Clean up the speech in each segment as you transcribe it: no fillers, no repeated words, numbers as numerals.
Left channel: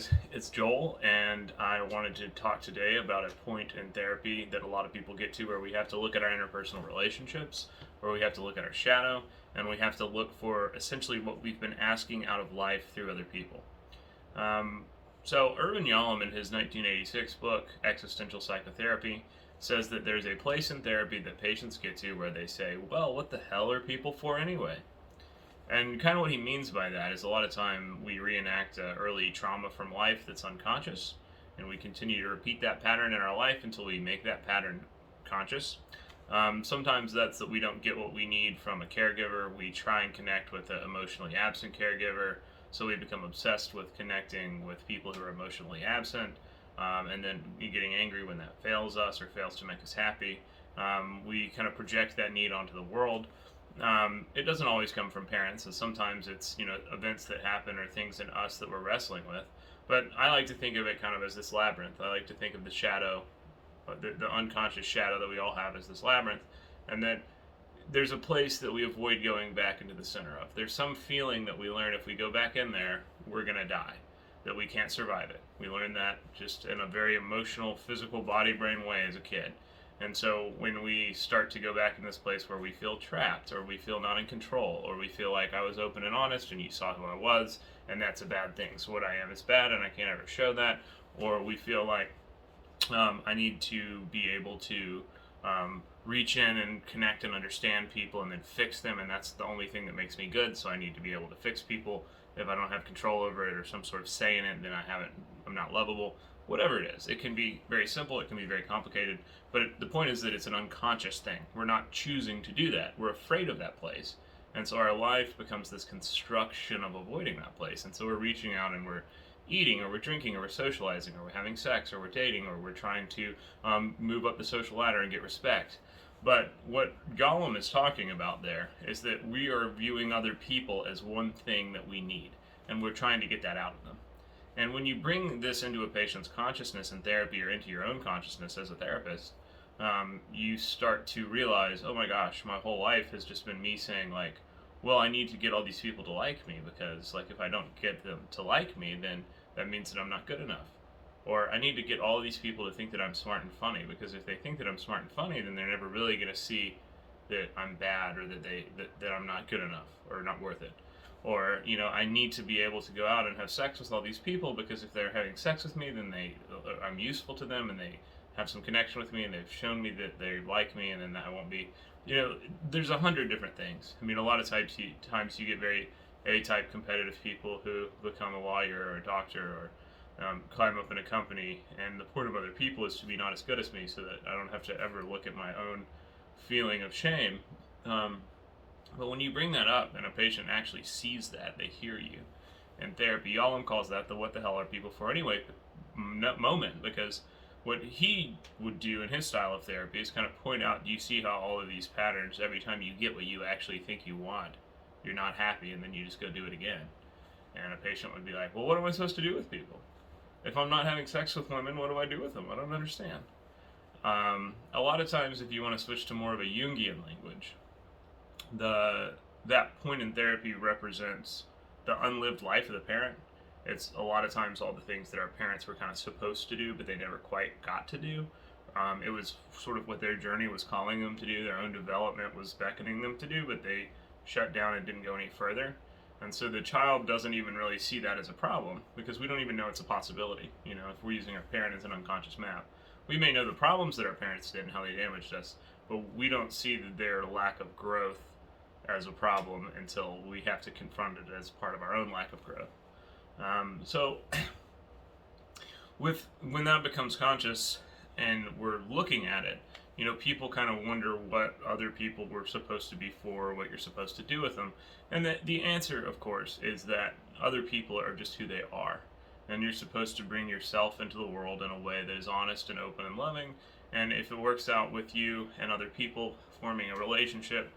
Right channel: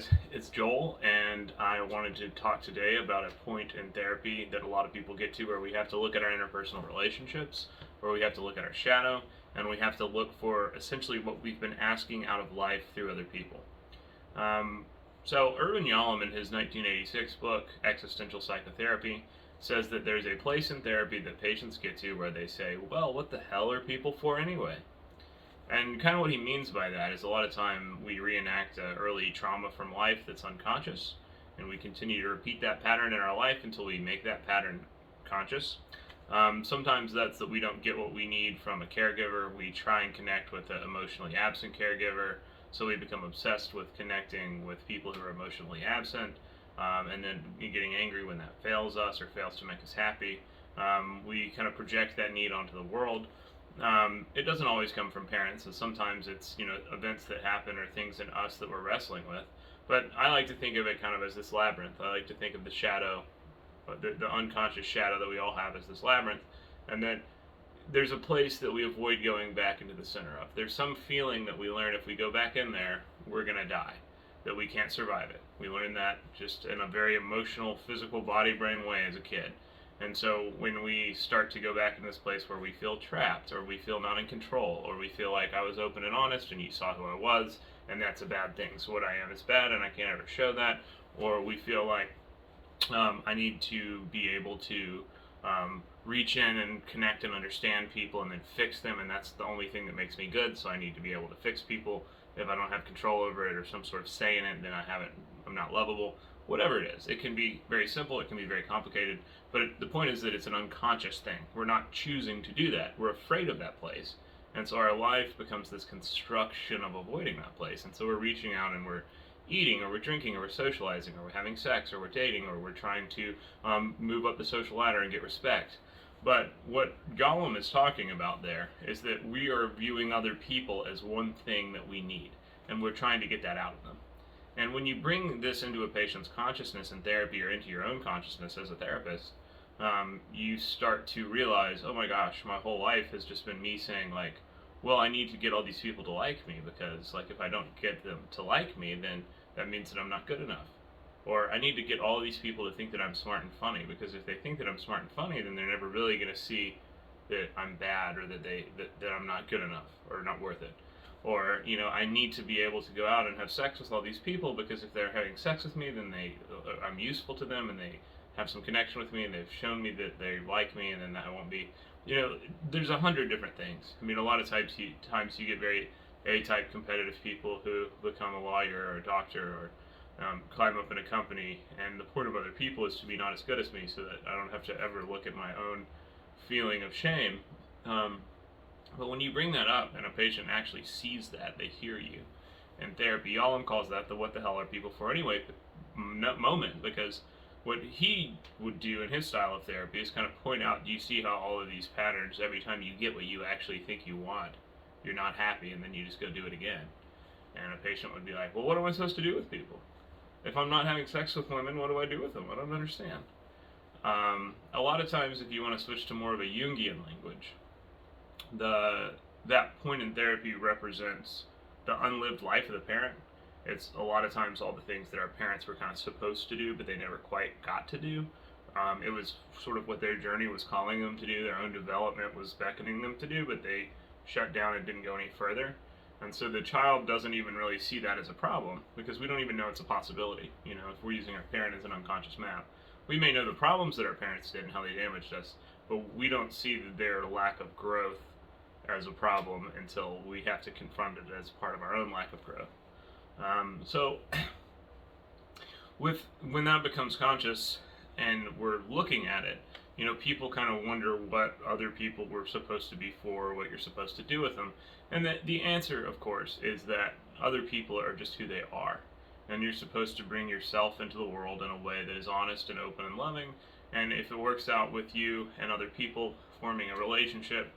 guys, it's Joel, and I wanted to talk today about a point in therapy that a lot of people get to where we have to look at our interpersonal relationships, where we have to look at our shadow, and we have to look for essentially what we've been asking out of life through other people. So, Irvin Yalom, in his 1986 book, Existential Psychotherapy, says that there's a place in therapy that patients get to where they say, well, what the hell are people for anyway? And kind of what he means by that is a lot of time we reenact early trauma from life that's unconscious, and we continue to repeat that pattern in our life until we make that pattern conscious. Sometimes that's that we don't get what we need from a caregiver. We try and connect with an emotionally absent caregiver, so we become obsessed with connecting with people who are emotionally absent, and then getting angry when that fails us or fails to make us happy. We kind of project that need onto the world. It doesn't always come from parents, and sometimes it's events that happen or things in us that we're wrestling with. But I like to think of it kind of as this labyrinth. I like to think of the shadow, the unconscious shadow that we all have as this labyrinth, and that there's a place that we avoid going back into the center of. There's some feeling that we learn if we go back in there, we're gonna die, that we can't survive it. We learn that just in a very emotional, physical, body-brain way as a kid. And so when we start to go back in this place where we feel trapped, or we feel not in control, or we feel like I was open and honest and you saw who I was, and that's a bad thing, so what I am is bad and I can't ever show that, or we feel like I need to be able to reach in and connect and understand people and then fix them, and that's the only thing that makes me good, so I need to be able to fix people. If I don't have control over it or some sort of say in it, then I'm not lovable. Whatever it is, it can be very simple, it can be very complicated, but the point is that it's an unconscious thing. We're not choosing to do that. We're afraid of that place. And so our life becomes this construction of avoiding that place. And so we're reaching out and we're eating, or we're drinking, or we're socializing, or we're having sex, or we're dating, or we're trying to move up the social ladder and get respect. But what Gollum is talking about there is that we are viewing other people as one thing that we need, and we're trying to get that out of them. And when you bring this into a patient's consciousness in therapy, or into your own consciousness as a therapist, you start to realize, oh my gosh, my whole life has just been me saying like, well, I need to get all these people to like me, because like if I don't get them to like me, then that means that I'm not good enough. Or I need to get all these people to think that I'm smart and funny, because if they think that I'm smart and funny, then they're never really going to see that I'm bad, or that I'm not good enough or not worth it. Or I need to be able to go out and have sex with all these people, because if they're having sex with me, then I'm useful to them, and they have some connection with me, and they've shown me that they like me, and then I won't be. There's 100 different things. I mean, a lot of times you get very A-type competitive people who become a lawyer or a doctor, or climb up in a company, and the point of other people is to be not as good as me, so that I don't have to ever look at my own feeling of shame. But when you bring that up and a patient actually sees that, they hear you. In therapy, Yalom calls that the what the hell are people for anyway moment, because what he would do in his style of therapy is kind of point out, do you see how all of these patterns, every time you get what you actually think you want, you're not happy, and then you just go do it again. And a patient would be like, well, what am I supposed to do with people? If I'm not having sex with women, what do I do with them? I don't understand. A lot of times, if you want to switch to more of a Jungian language, that point in therapy represents the unlived life of the parent. It's a lot of times all the things that our parents were kind of supposed to do, but they never quite got to do. It was sort of what their journey was calling them to do, their own development was beckoning them to do, but they shut down and didn't go any further. And so the child doesn't even really see that as a problem, because we don't even know it's a possibility. If we're using our parent as an unconscious map, we may know the problems that our parents did and how they damaged us, but we don't see their lack of growth as a problem until we have to confront it as part of our own lack of growth. So when that becomes conscious and we're looking at it, people kind of wonder what other people were supposed to be for, what you're supposed to do with them. And the answer, of course, is that other people are just who they are. And you're supposed to bring yourself into the world in a way that is honest and open and loving. And if it works out with you and other people forming a relationship,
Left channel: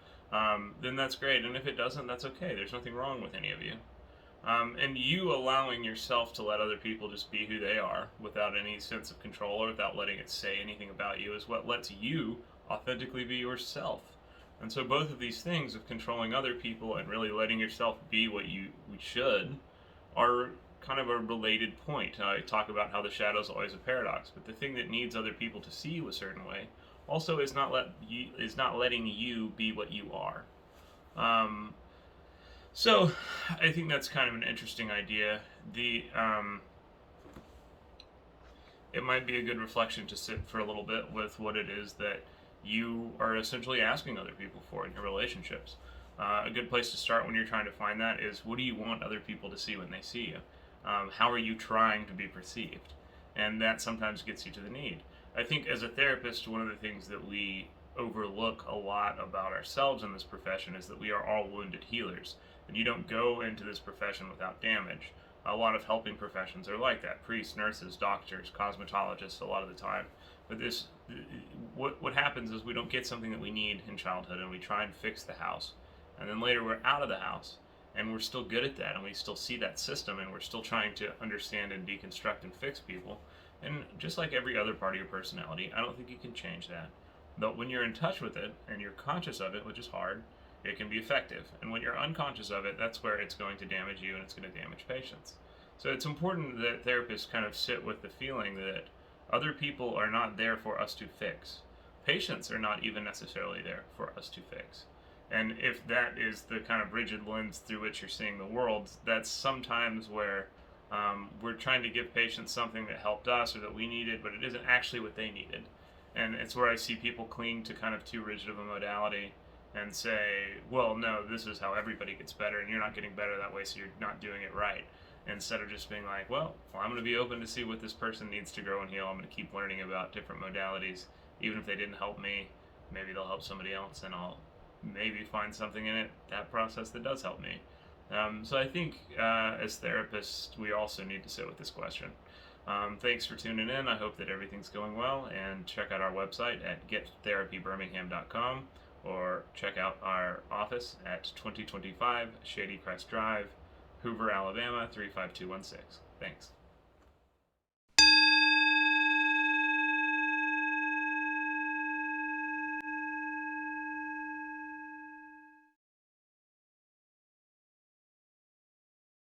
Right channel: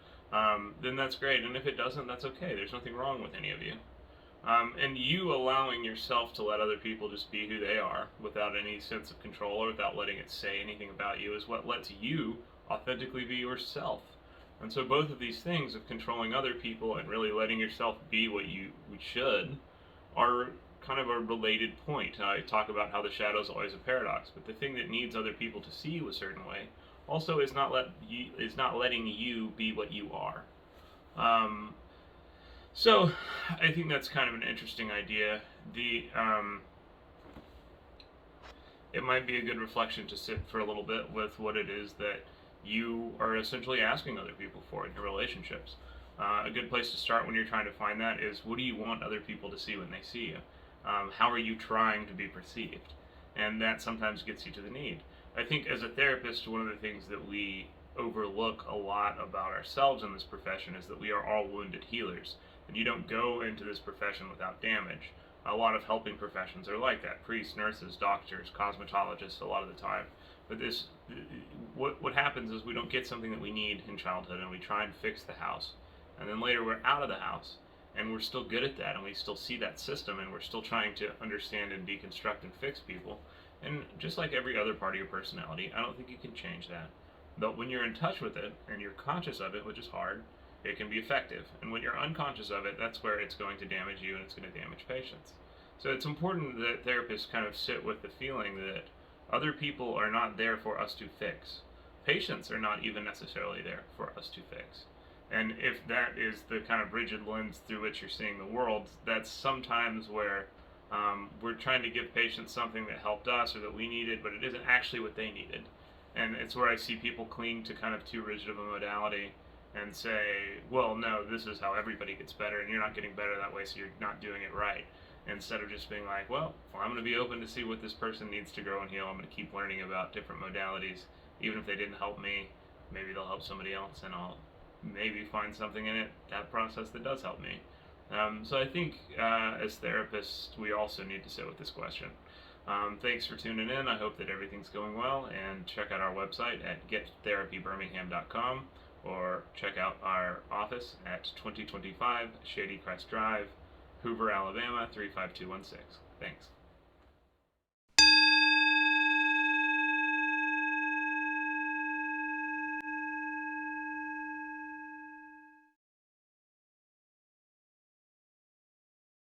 then that's great. And if it doesn't, that's okay. There's nothing wrong with any of you. And you allowing yourself to let other people just be who they are without any sense of control, or without letting it say anything about you, is what lets you authentically be yourself. And so both of these things of controlling other people and really letting yourself be what you should are kind of a related point. I talk about how the shadow is always a paradox, but the thing that needs other people to see you a certain way also is not letting you be what you are. So I think that's kind of an interesting idea. It might be a good reflection to sit for a little bit with what it is that you are essentially asking other people for in your relationships. A good place to start when you're trying to find that is, what do you want other people to see when they see you? How are you trying to be perceived? And that sometimes gets you to the need. I think as a therapist, one of the things that we overlook a lot about ourselves in this profession is that we are all wounded healers. And you don't go into this profession without damage. A lot of helping professions are like that. Priests, nurses, doctors, cosmetologists, a lot of the time. But what happens is we don't get something that we need in childhood, and we try and fix the house. And then later we're out of the house, and we're still good at that, and we still see that system, and we're still trying to understand and deconstruct and fix people. And just like every other part of your personality, I don't think you can change that. But when you're in touch with it, and you're conscious of it, which is hard, it can be effective. And when you're unconscious of it, that's where it's going to damage you, and it's going to damage patients. So it's important that therapists kind of sit with the feeling that other people are not there for us to fix. Patients are not even necessarily there for us to fix. And if that is the kind of rigid lens through which you're seeing the world, that's sometimes where we're trying to give patients something that helped us or that we needed, but it isn't actually what they needed. And it's where I see people cling to kind of too rigid of a modality and say, well, no, this is how everybody gets better, and you're not getting better that way, so you're not doing it right. Instead of just being like, well, I'm going to be open to see what this person needs to grow and heal. I'm going to keep learning about different modalities. Even if they didn't help me, maybe they'll help somebody else, and I'll maybe find something in that process that does help me. So I think as therapists, we also need to sit with this question. Thanks for tuning in. I hope that everything's going well, and check out our website at gettherapybirmingham.com, or check out our office at 2025 Shady Crest Drive, Hoover, Alabama 35216. Thanks.